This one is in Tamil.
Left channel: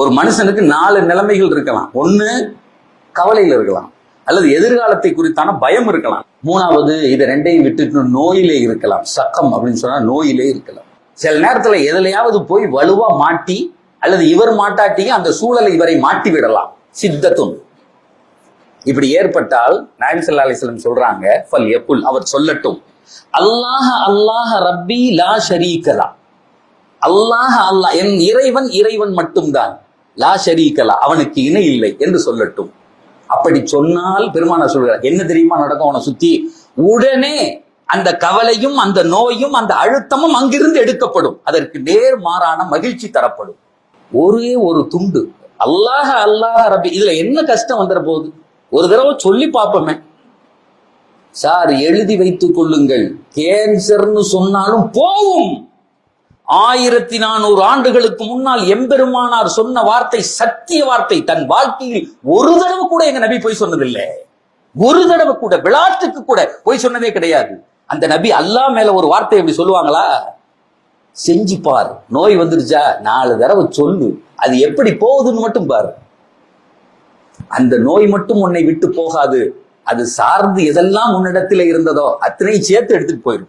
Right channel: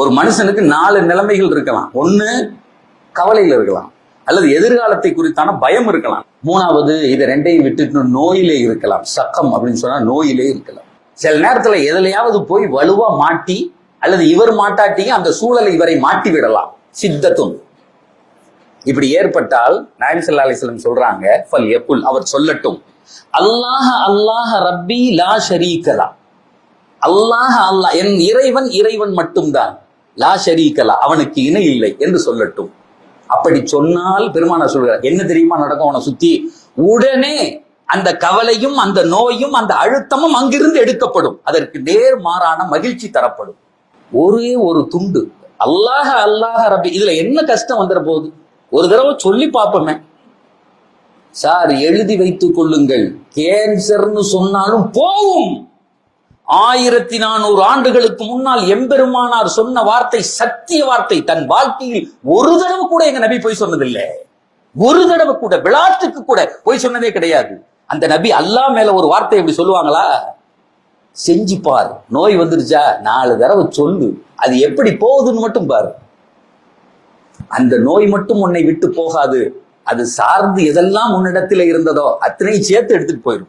ஒரு மனுஷனுக்கு 4 நிலைமைகள் இருக்கலாம். ஒண்ணு கவலையில் இருக்கலாம், அல்லது எதிர்காலத்தை குறித்தான பயம் இருக்கலாம். 3வது இதை 2ஐயும் விட்டுட்டு நோயிலே இருக்கலாம். சக்கம் அப்படின்னு சொன்னா நோயிலே இருக்கலாம். சில நேரத்துல எதுலையாவது போய் வலுவா மாட்டி, அல்லது இவர் மாட்டாட்டியும் அந்த சூழலை இவரை மாட்டி விடலாம். சித்தத்தும் இப்படி ஏற்பட்டால் நாயகம் ஸல்லல்லாஹு அலைஹி வஸல்லம் சொல்றாங்க, ஃபல் யகுல், அவர் சொல்லட்டும், அல்லாஹ் அல்லாஹ் ரப்பி லா ஷரீக லா, அல்லாஹ் அல்லாஹ் என் இறைவன் இறைவன் மட்டும்தான், லா ஷரீக லா, அவனுக்கு இணை இல்லை என்று சொல்லட்டும். அப்படி சொன்னால் பெருமானார் சொல்கிறார், என்ன தெரியுமா நடக்கும் அவனை சுத்தி? உடனே அந்த கவலையும் அந்த நோயும் அந்த அழுத்தமும் அங்கிருந்து எடுக்கப்படும். அதற்கு நேர்மாறான மகிழ்ச்சி தரப்படும். ஒரே ஒரு துண்டு அல்லாஹ் அல்லாஹ் ரப்பி, இதுல என்ன கஷ்டம் வந்துட போகுது? ஒரு தடவை சொல்லி பார்ப்போமே. சார் எழுதி வைத்துக் கொள்ளுங்கள், கேன்சர்னு சொன்னாலும் போகும். 1400 ஆண்டுகளுக்கு முன்னால் எம்பெருமானார் சொன்ன வார்த்தை சத்திய வார்த்தை. தன் வாழ்க்கையில் ஒரு தடவை கூட எங்க நபி போய் சொன்னதில்லை. ஒரு தடவை கூட, விளையாட்டுக்கு கூட போய் சொன்னதே கிடையாது. அந்த நபி அல்லாஹ் மேல ஒரு வார்த்தை எப்படி சொல்லுவாங்களா? செஞ்சு பார், நோய் வந்துருச்சா 4 தடவை சொல்லு, அது எப்படி போகுதுன்னு மட்டும் பாரு. அந்த நோய் மட்டும் உன்னை விட்டு போகாது, அது சார்ந்து எதெல்லாம் உன்னிடத்தில் இருந்ததோ அத்தனை சேர்த்து எடுத்துட்டு போயிடும்.